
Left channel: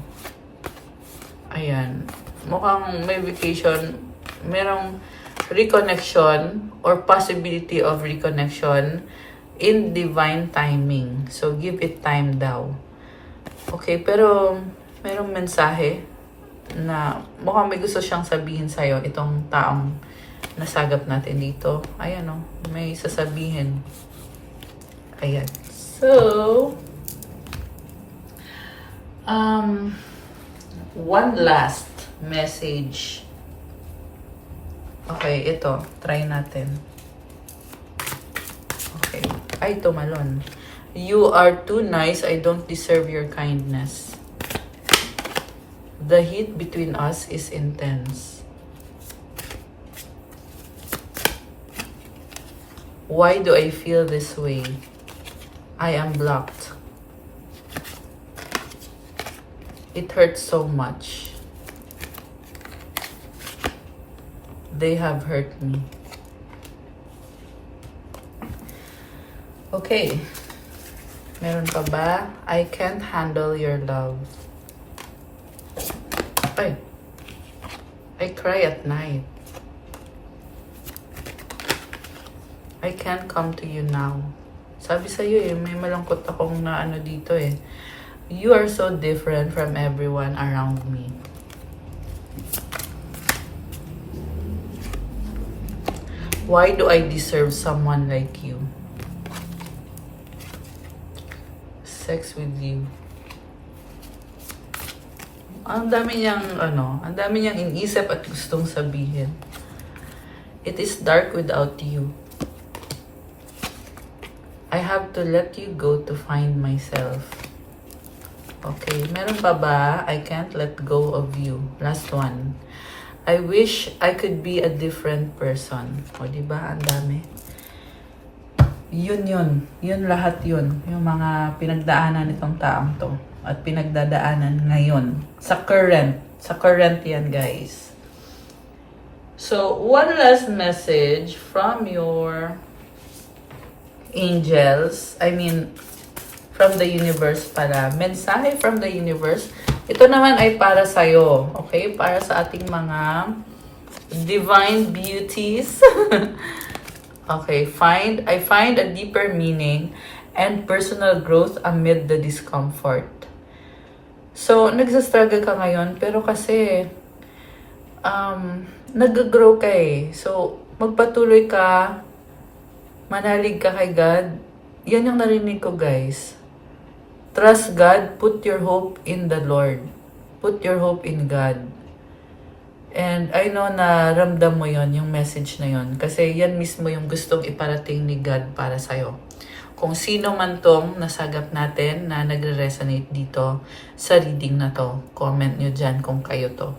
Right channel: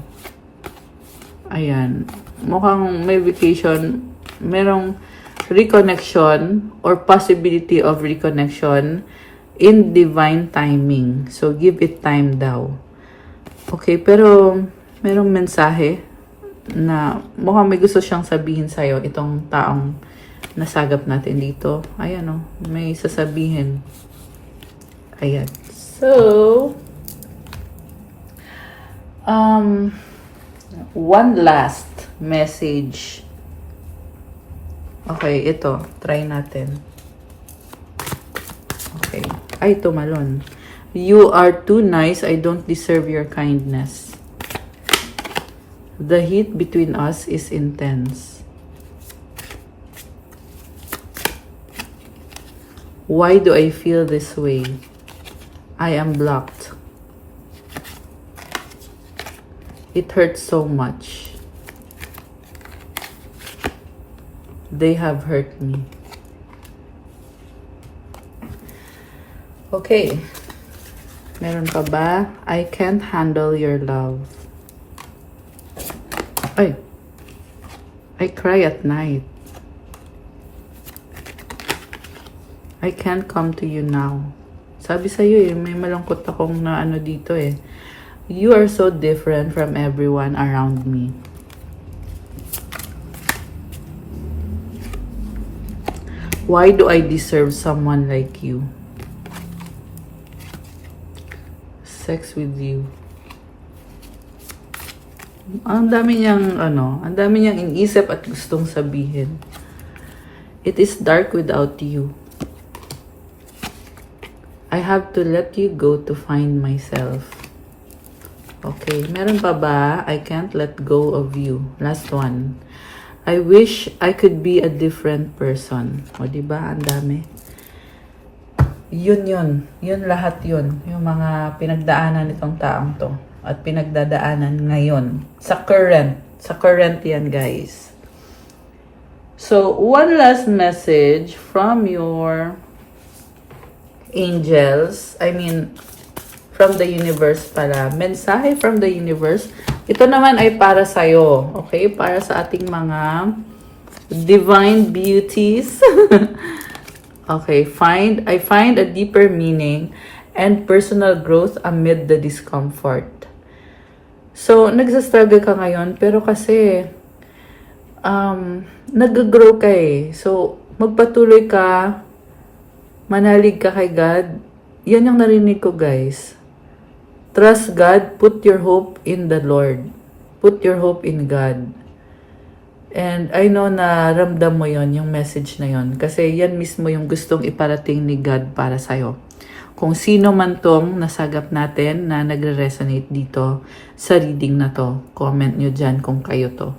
Ayan. Mukhang may vacation. Merong reconnection or possibility of reconnection in divine timing. So, give it time daw. Okay, pero merong mensahe na mukhang may gusto siyang sabihin sa'yo itong taong nasagap natin dito. Ayan may sasabihin. Ayan. So, One last message. Okay, ito. Try natin. Okay. Ay, tumalon. You are too nice. I don't deserve your kindness. The heat between us is intense. Why do I feel this way? I am blocked. It hurts so much. They have hurt me. Okay. Meron pa ba? I can't handle your love. Ay. I cry at night. I can't come to you now. Sabi sa'yo, may malungkot akong na ano dito eh. You are so different from everyone around me. Why do I deserve someone like you? Sex with you. Ang dami niyang ang dami niyang inisip at gustong sabihin. It is dark without you. I have to let you go to find myself. Okay, meron pa ba? I can't let go of you. Last one. I wish I could be a different person. O, diba? Ang dami. Yun. Yun lahat yun. Yung mga pinagdaanan nitong taong to. At pinagdadaanan ngayon. Sa current. Sa current yan, guys. So, one last message from your angels. I mean, from the universe pala. Mensahe from the universe. Ito naman ay para sa'yo. Okay? Para sa ating mga divine beauties. Okay. I find a deeper meaning and personal growth amid the discomfort. So, nagsastruggle ka ngayon, pero kasi nag-grow ka eh. So, magpatuloy ka, manalig ka kay God. Yan ang narinig ko, guys. Trust God. Put your hope in the Lord. Put your hope in God. And I know na ramdam mo yon, yung message na yon. Kasi yan mismo yung gustong iparating ni God para sa'yo. Kung sino man tong nasagap natin na nagre-resonate dito sa reading na to, comment nyo dyan kung kayo to.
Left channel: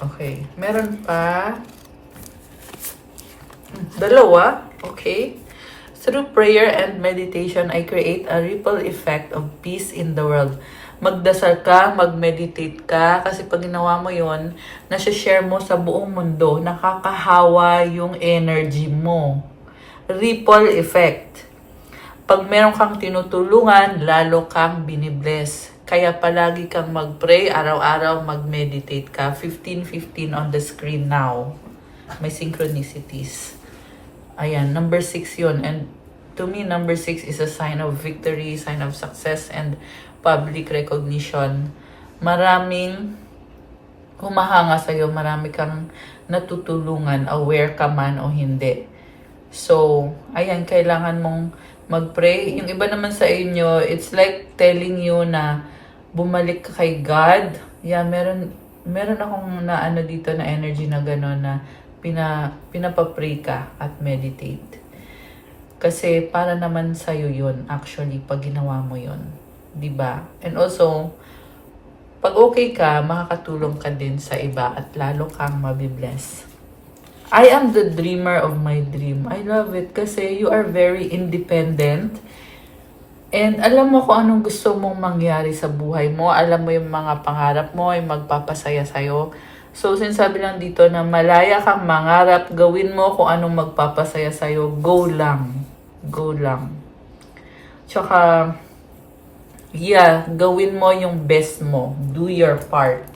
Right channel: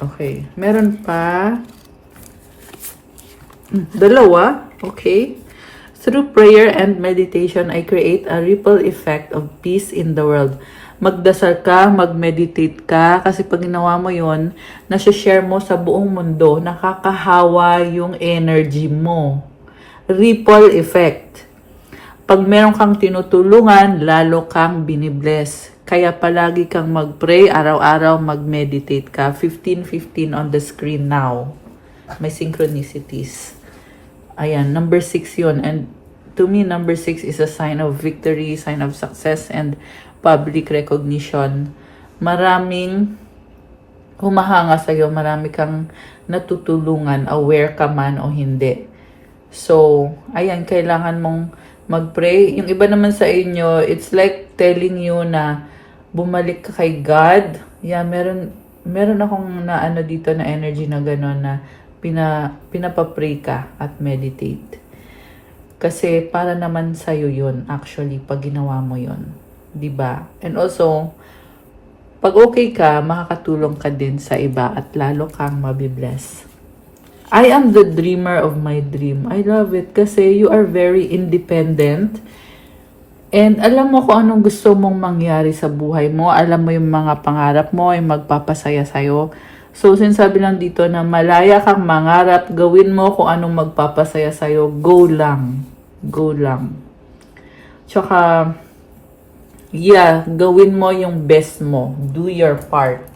Okay. Meron pa. Dalawa. Okay. Through prayer and meditation, I create a ripple effect of peace in the world. Magdasal ka, mag-meditate ka, kasi pag ginawa mo yun, nasi-share mo sa buong mundo, nakakahawa yung energy mo. Ripple effect. Pag meron kang tinutulungan, lalo kang binibless. Kaya palagi kang mag-pray, araw-araw mag-meditate ka. 15:15 on the screen now. May synchronicities. Ayan, number 6 yun. And to me, number 6 is a sign of victory, sign of success, and public recognition. Maraming humahanga sa'yo, marami kang natutulungan, aware ka man o hindi. So, ayan, kailangan mong mag-pray. Yung iba naman sa inyo, it's like telling you na bumalik ka kay God. Yeah, meron akong na ano dito na energy na gano'n na pinapapray ka at meditate. Kasi para naman sa'yo yun, actually, pag ginawa mo yun. Diba? And also, pag okay ka, makakatulong ka din sa iba at lalo kang mabibless. I am the dreamer of my dream. I love it kasi you are very independent. And alam mo kung anong gusto mong mangyari sa buhay mo. Alam mo yung mga pangarap mo ay magpapasaya sa'yo. So, sinasabi lang dito na malaya kang mangarap, gawin mo kung anong magpapasaya sa'yo, go lang. Go lang. Tsaka, yeah, gawin mo yung best mo. Do your part.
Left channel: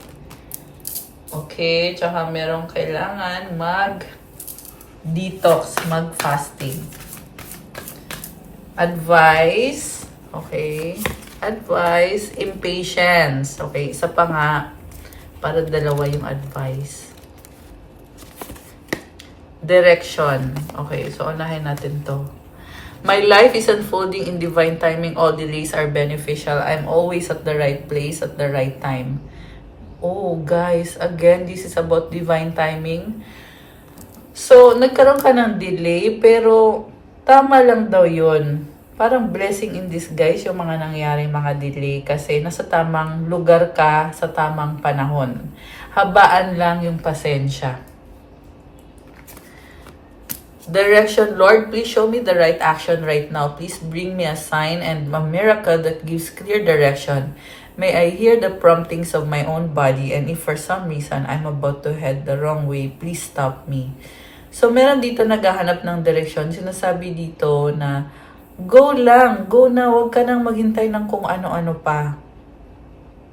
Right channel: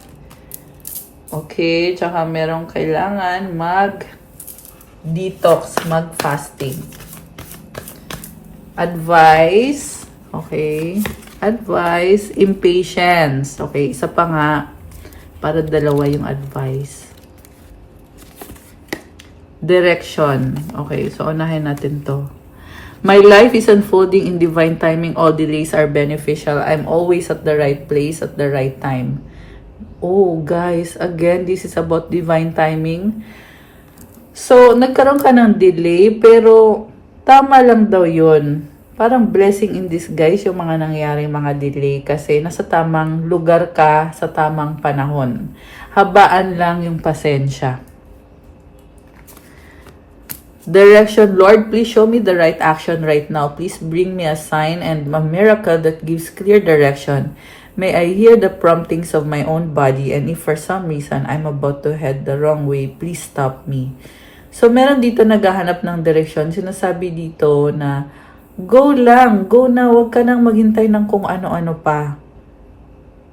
Okay, tsaka merong kailangan mag-detox, mag-fasting. Advice, okay. Advice, impatience. Okay, isa pa nga. Para dalawa yung advice. Direction. Okay, so unahin natin to. My life is unfolding in divine timing. All delays are beneficial. I'm always at the right place at the right time. Oh, guys, again, this is about divine timing. So, nagkaroon ka ng delay, pero tama lang daw yun. Parang blessing in disguise yung mga nangyari mga delay kasi nasa tamang lugar ka sa tamang panahon. Habaan lang yung pasensya. Direction, Lord, please show me the right action right now. Please bring me a sign and a miracle that gives clear direction. May I hear the promptings of my own body, and if for some reason I'm about to head the wrong way, please stop me. So, meron dito naghahanap ng direksyon. Sinasabi dito na, go lang, go na, huwag ka nang maghintay ng kung ano-ano pa.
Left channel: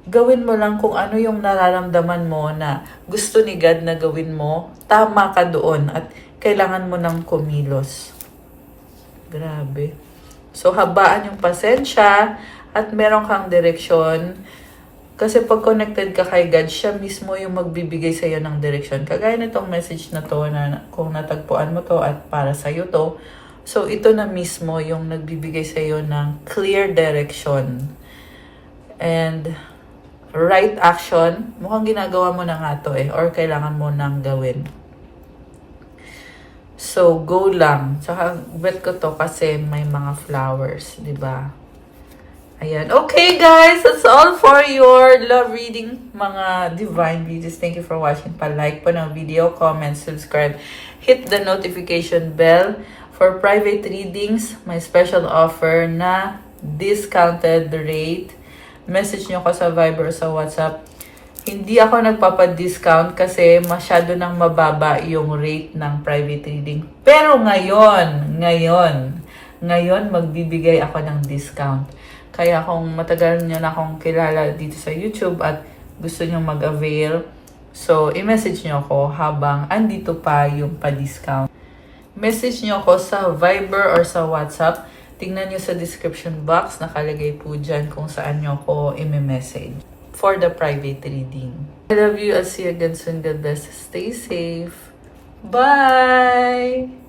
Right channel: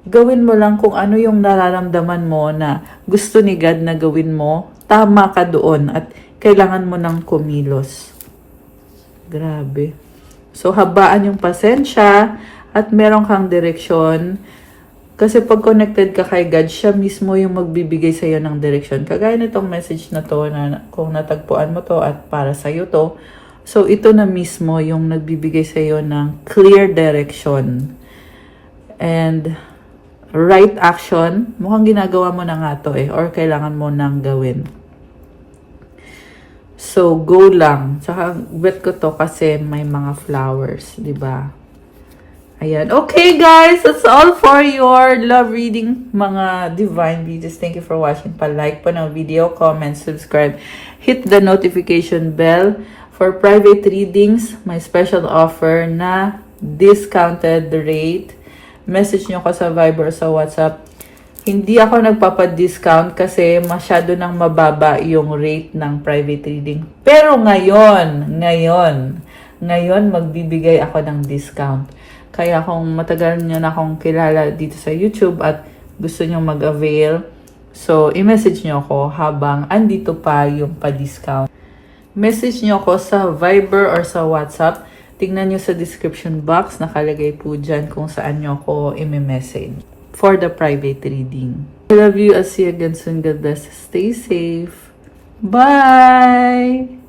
Gawin mo lang kung ano yung nararamdaman mo na gusto ni God na gawin mo, tama ka doon at kailangan mo ng kumilos. Grabe. So, habaan yung pasensya at meron kang direksyon. Kasi pag connected ka kay God, siya mismo yung magbibigay sa'yo ng direksyon. Kagaya nitong message na to, na kung natagpuan mo to at para sa'yo to, so ito na mismo yung nagbibigay sa'yo ng clear direction. And right action, mukhang ginagawa mo na nga to or kailangan mo nang gawin. So, go lang. Tsaka, wet ko to kasi may mga flowers, di ba? Ayan. Okay, guys. That's all for your love reading, mga divine readers. Thank you for watching. Pa-like po ng video, comment, subscribe. Hit the notification bell. For private readings, may special offer na discounted rate. Message nyo ko sa Viber o sa WhatsApp. Hindi ako nagpapadiscount kasi masyado nang mababa yung rate ng private reading. Pero ngayon, magbibigay ako ng discount. Kaya kung matagal niyo na akong kilala dito sa YouTube at gusto niyo mag-avail, so i-message niyo ako habang andito pa yung pa-discount. Message niyo ako sa Viber or sa WhatsApp. Tingnan niyo sa description box, nakalagay po dyan kung saan niyo ako i-message for the private reading. I love you. I'll see you again soon. God bless you. Stay safe. Bye!